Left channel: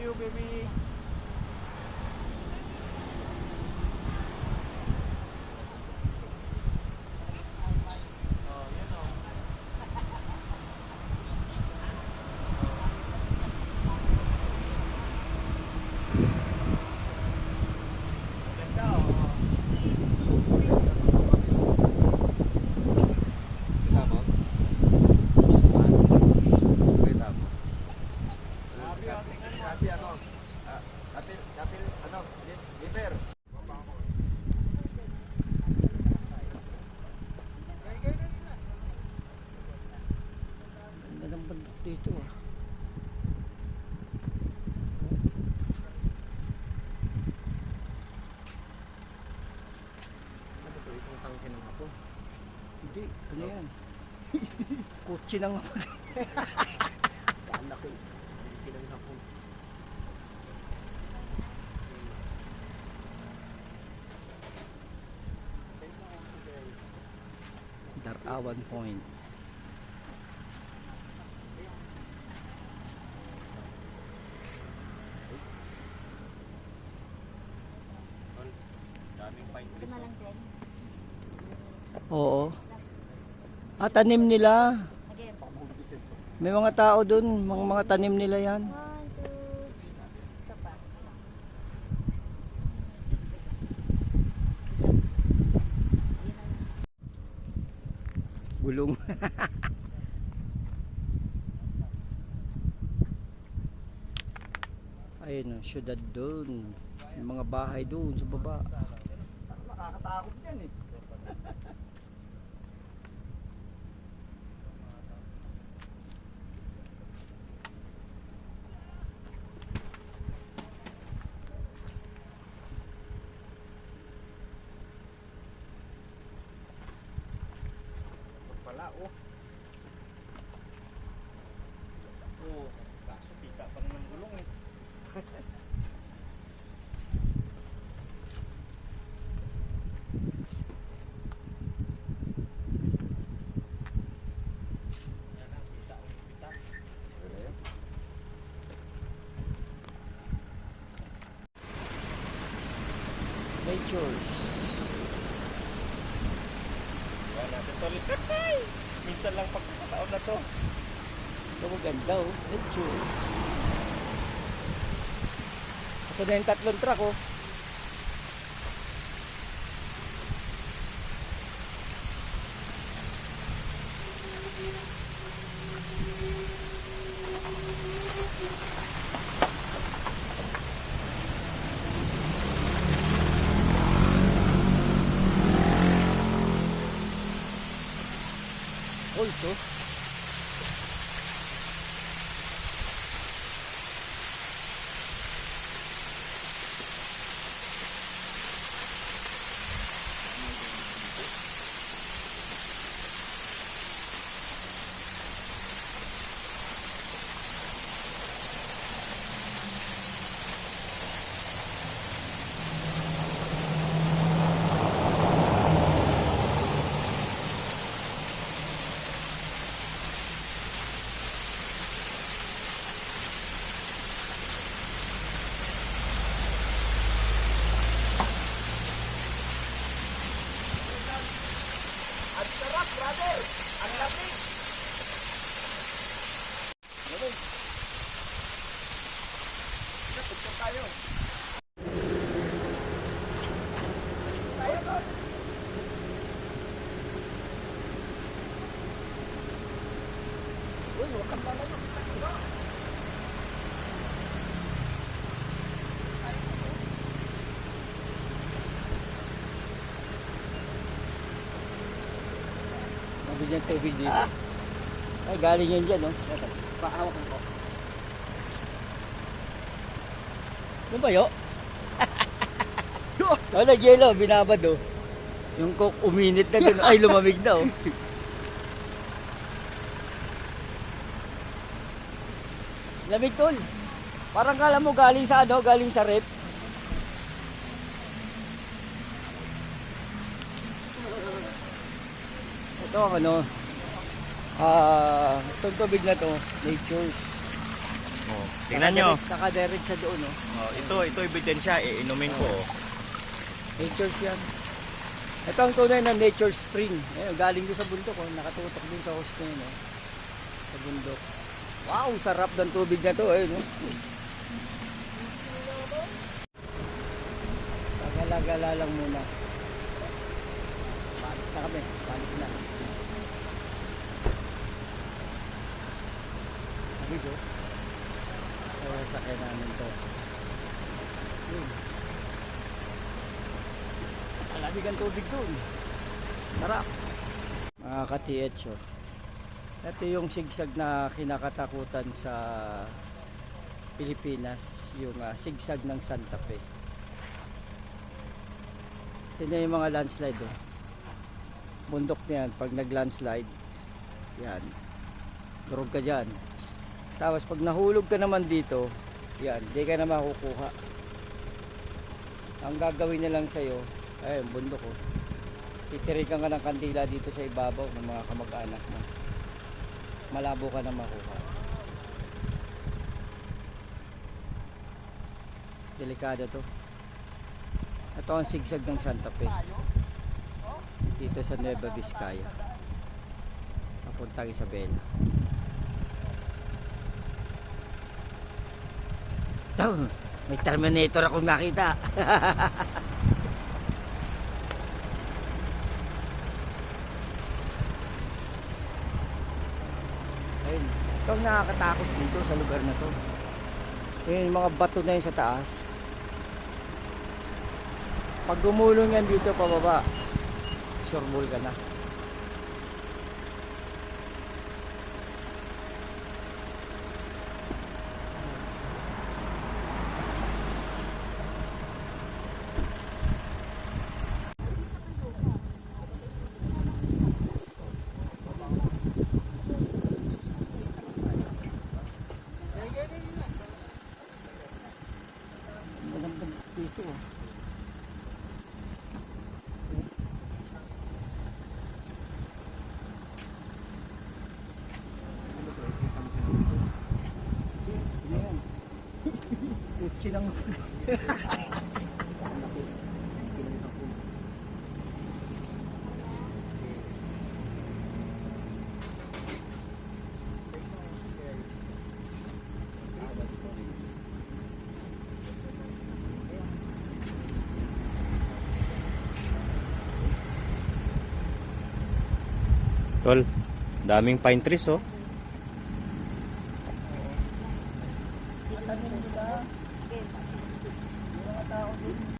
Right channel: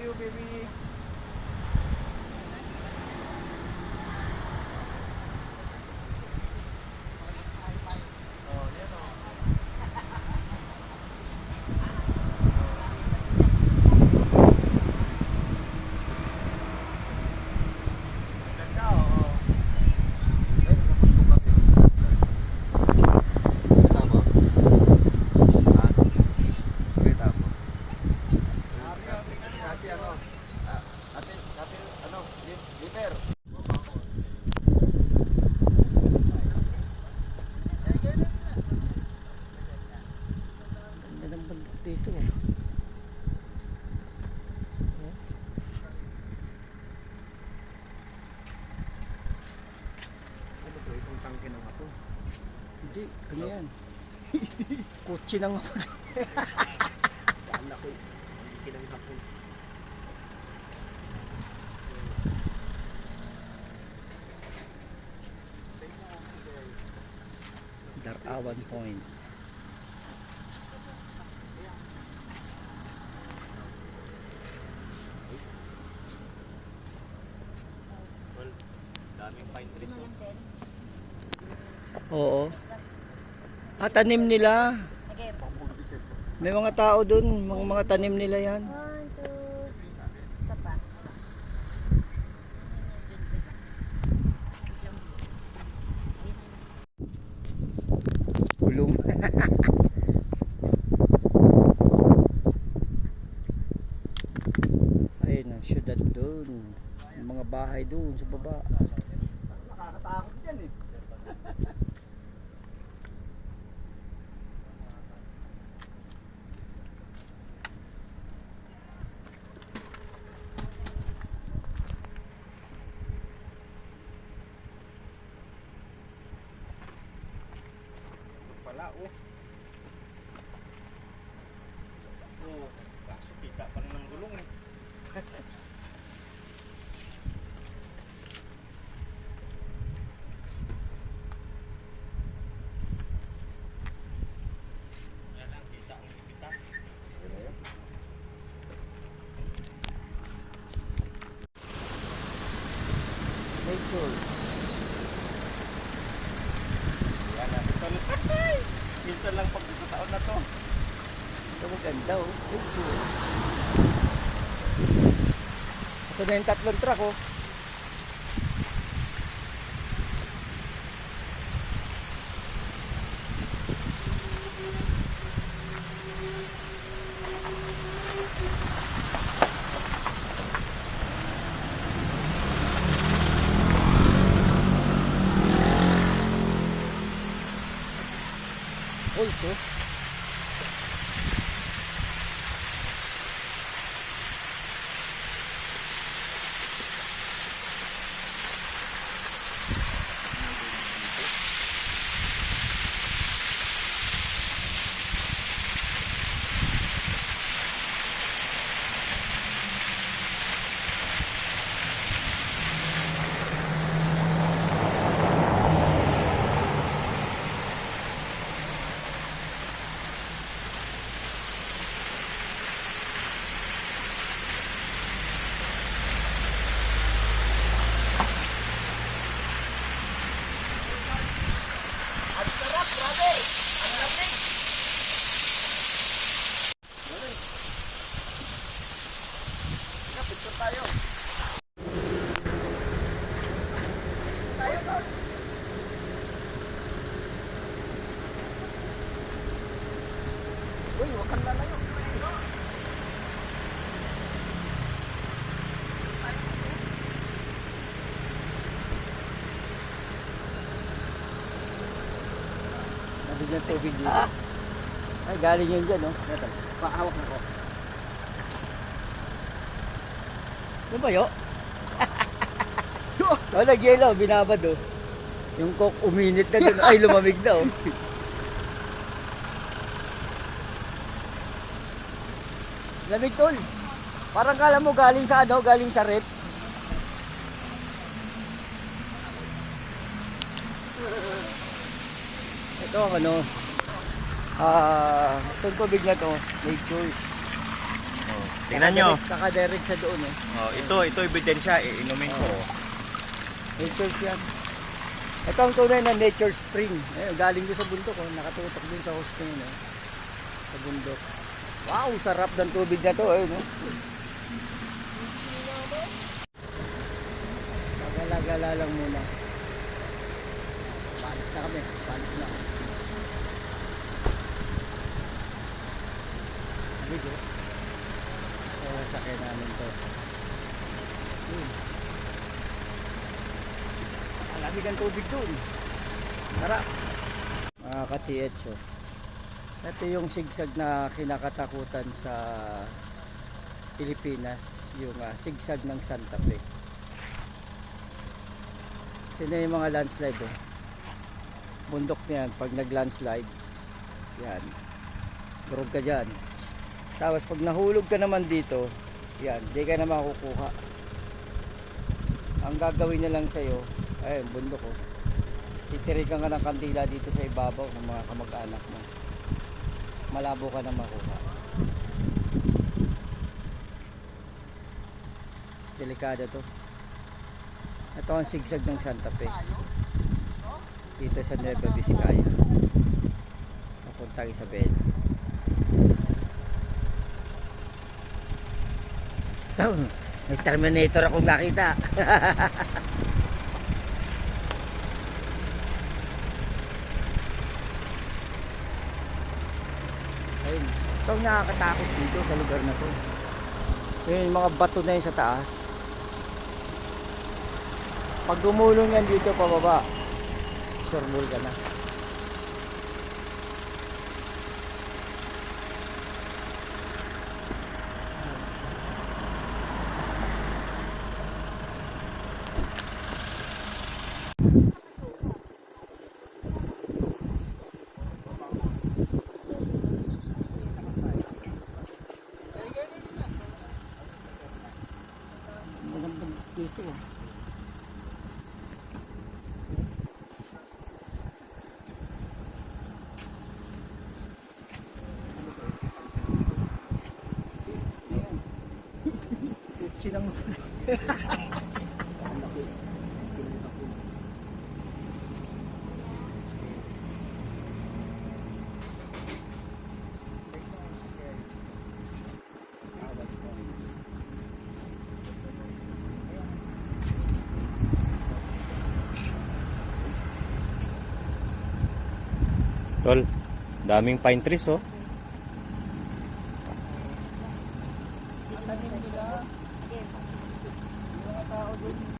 you, baby. Oh, yan o. Ganda o. Kasama? Kita mo? Kasi ano, atin, ano, liver. Ganda ng bundok dito. Ano to, itong tangke ng hapon? Hindi, ano yan? Kutsi ng hapon. Kala ko, tangke ng hapon. Darawan Point. Daming pine trees. Oo. Tanim nila. May mga tao dun, mga tanim nila yan. 1, 2, isa pa. Gulong. Ayun ang syudad dun. Yung mga bahay dun sa baba. Nakakatakot yan eh. Pala oh. Oh, kaso kita pa ng gulong eh. Yan lang, kita ang kita. Natures. Wala ko tuloy. Minsan lang pagkakataon na to. Ito maganda oh. Natures. Ito na yung tatlong truck oh. Also, Ang sarap, brother! Ang lamig! Ganun. Picture tayo. Tayo to. Uy, huwag kang lalayo. nabigyan tubig dito. Ay, galing yan dyan oh. Pakawak na to. Lumayo. Oh, nag-yelo, binabad oh. Yung coke uminit na dun. Ay, lumamig na oh. Lamig tol. Parang kala mo galing sa ano, galing sa rep. Ito ang ano, itong tubig na to, natures. Oh, tingnan nyo. Nakadirect sa doon, oh. Oh, ito ebidensya, inumin ko. Oo. Nature's yan. Ito ang tunay na nature spring. Galing doon sa bundok, oh. Nakatutok din sa host na yun, oh. Sa bundok. Wow, sarap ng tubig na to, no? Pagala-gala lang muna. Balis na kami, balis na. Sabi ko, sakay namin to. Malamig ang tubig doon. Sarap. Mga ka-TH, oh. Ito yung sigsag na kinakatakutan sa Pilipinas, yung sigsag ng Santa Fe. Tingnan yung mga landslide, oh. Bundok na yan, pag nag-landslide, yan, durog ka dyan. Tapos pag nahulog ka naman dito, yan, di ka na makukuha. Ang gagawin na lang sa'yo, ayun, bundok, oh. Titirikan ka ng kandila dito sa ibabaw ng mga kamag-anak mo. Malabo ka na makuha. Delikado to. Ito ang sigsag ng Santa Fe dito sa Nueva Vizcaya papuntang Isabela. Ito, may Terminator akong nakita. Ayun. Ito ang nakakatakot dito sa lugar na to. Yung mga bato na yun sa taas. Pag gumulong yan dito pababa, sureball ka na. Dito, oh. Ayan. Kutsi lang. Tol, daming pine trees, oh. Tanim nila. Yung mga tao din.